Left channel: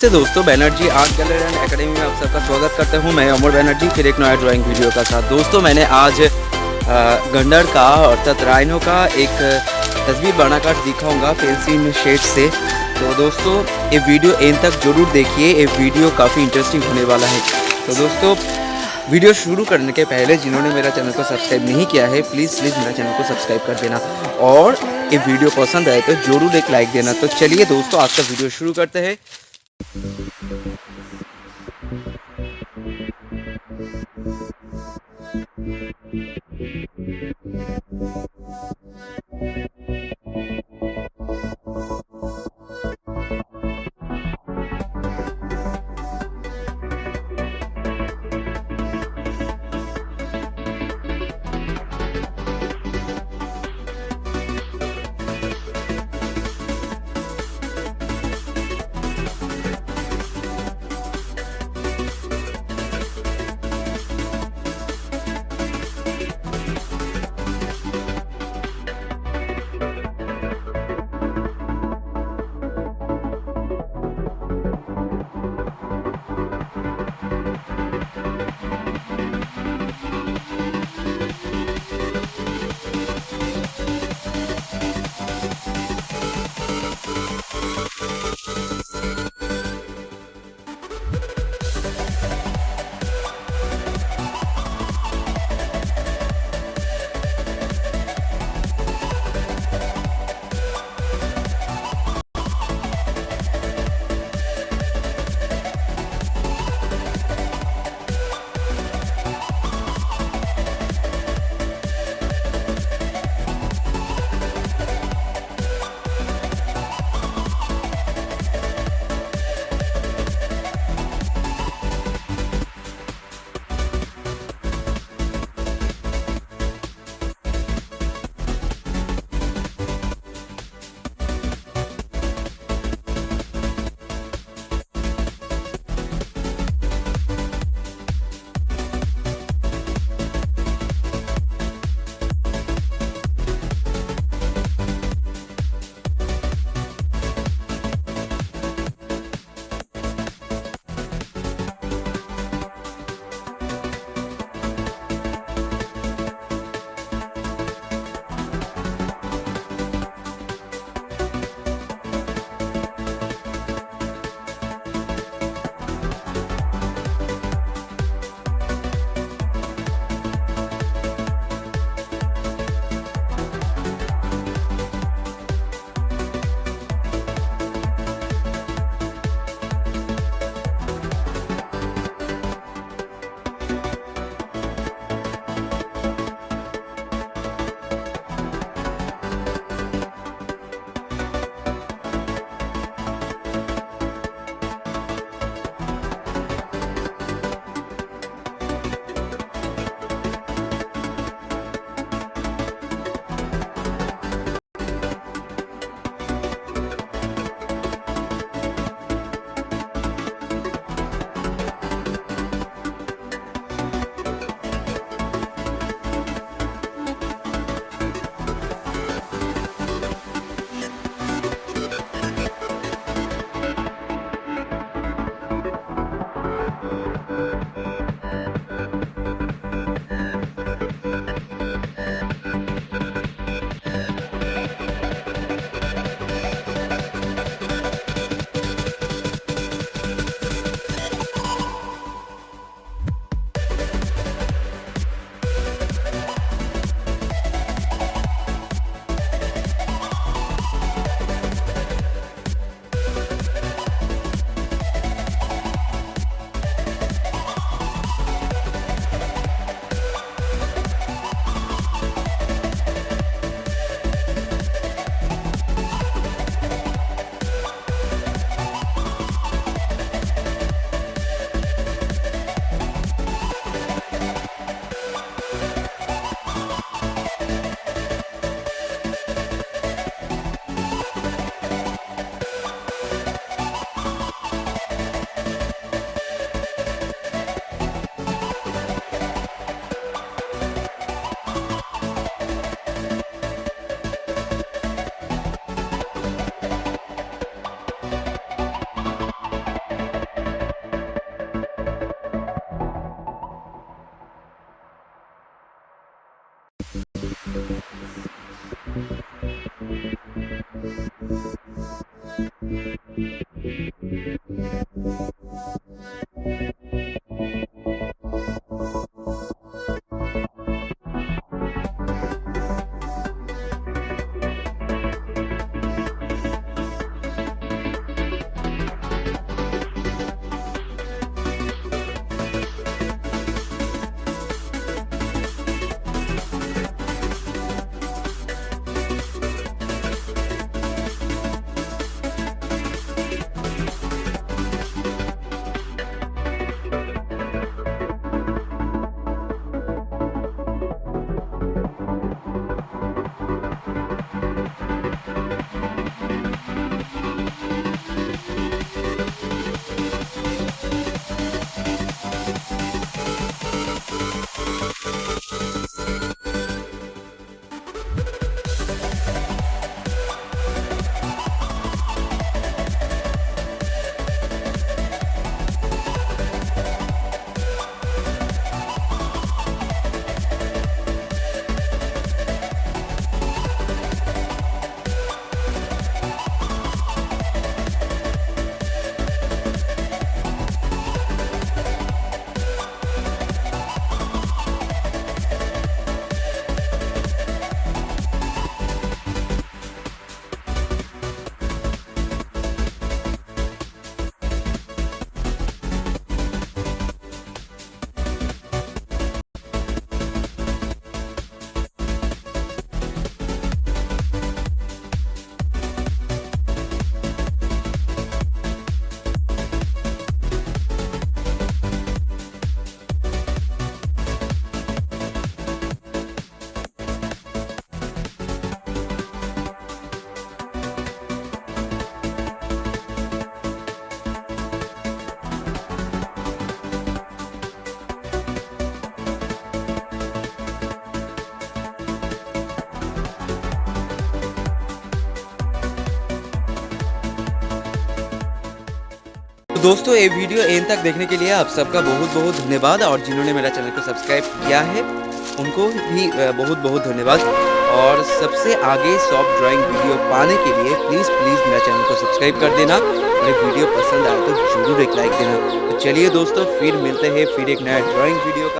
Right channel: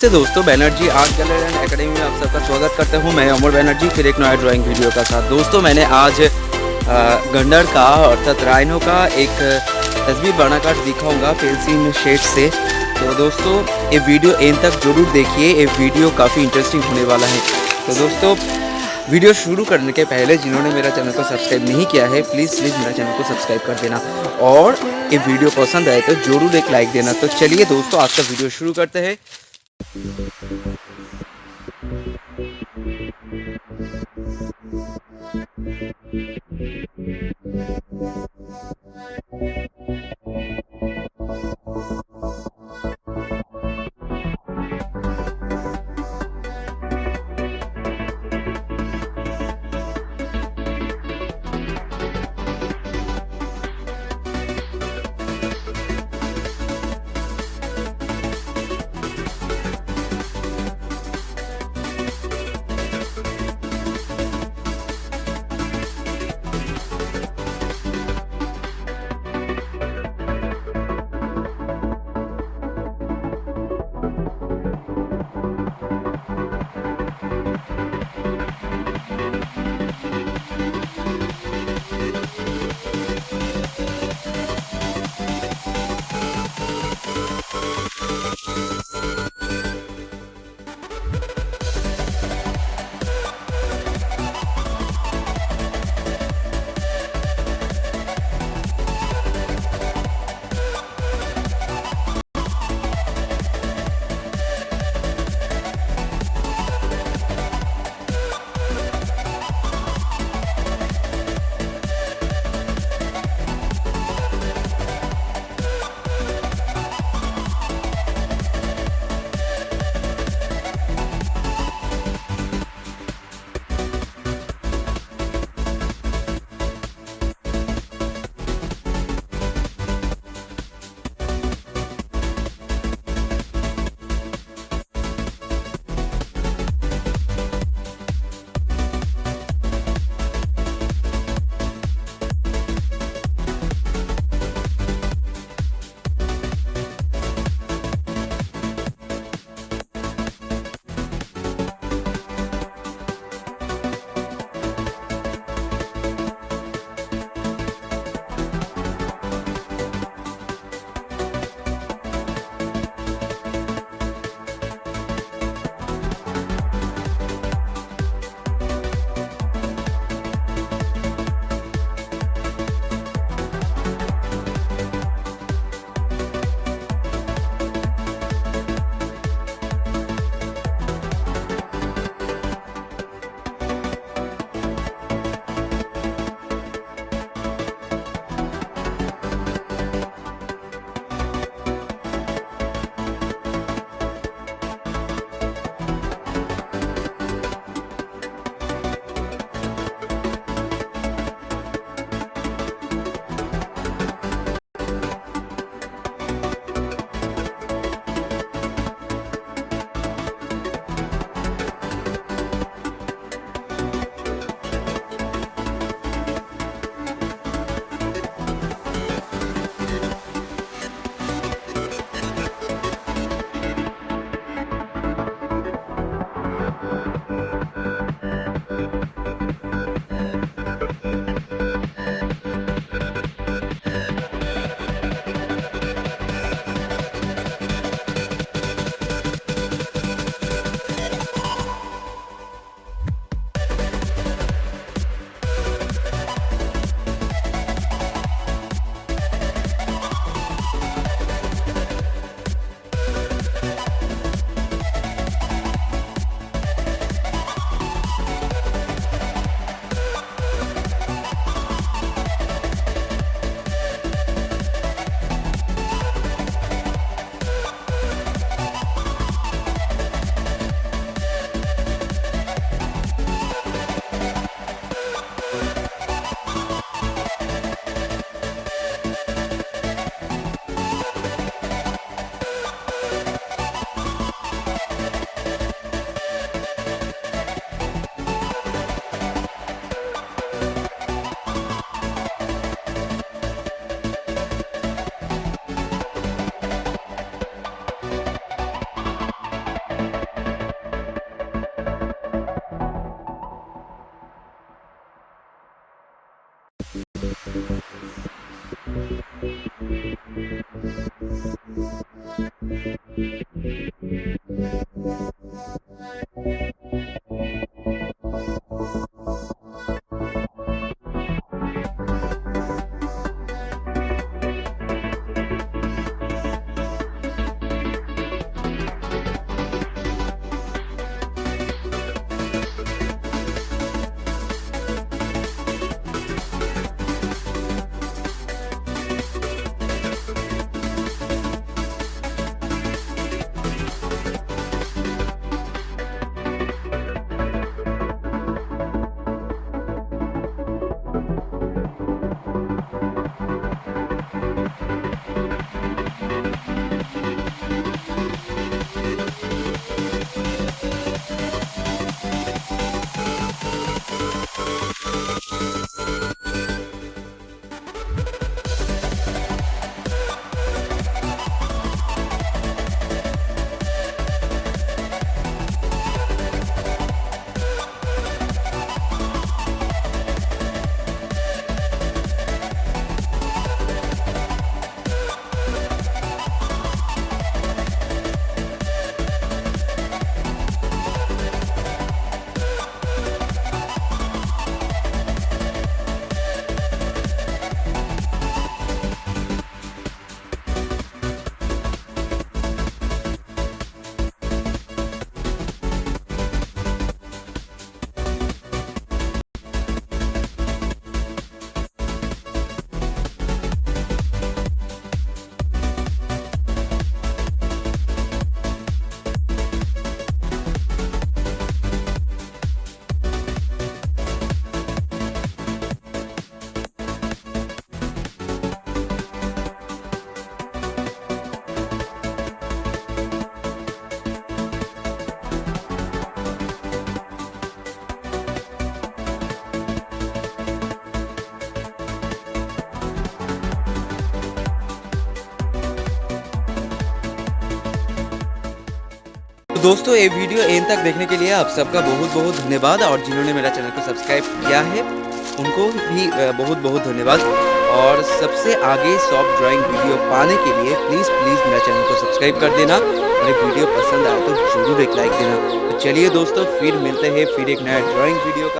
से दोस्तों Banerjee art gallery and academy में आप सबका स्वागत करता हूं। मैं अमर बैनर्जी फिर एक नया ड्राइंग वीडियो का साथ। दोस्तों मैंने आज गंडर का अर्थात राइनो का एक तस्वीर बनाकर दिखाऊंगा पेंसिल शेड से। तो दोस्तों ये वीडियो एंड तक जरूर देखिए, ये वीडियो काफ़ी इंटरेस्टिंग होने वाला है। तो दोस्तों वीडियो शुरू करने के पहले जिन्होंने मेरा चैनल को सब्सक्राइब नहीं किया है प्लीज़ मेरा चैनल को सब्सक्राइब कर देना, और ये वीडियो पसंद आए तो ज़रूर एक लाइक देना। तो चलिए दोस्तों आज का वीडियो शुरू करते हैं। तो दोस्तों ये वीडियो एंड तक देखने के लिए आप सबका बहुत बहुत धन्यवाद, और जिन्होंने मेरा चैनल को सब्सक्राइब किया है उनको भी बहुत बहुत धन्यवाद। और सबसे आगे सॉफ्ट ड्राइंग वीडियो पाने के लिए प्लीज़ मेरा चैनल को सब्सक्राइब कर देना, और ये वीडियो पसंद आए तो ज़रूर एक लाइक देना। तो चलिए दोस्तों, फिर मिलते हैं फिर एक नया ड्राइंग वीडियो का।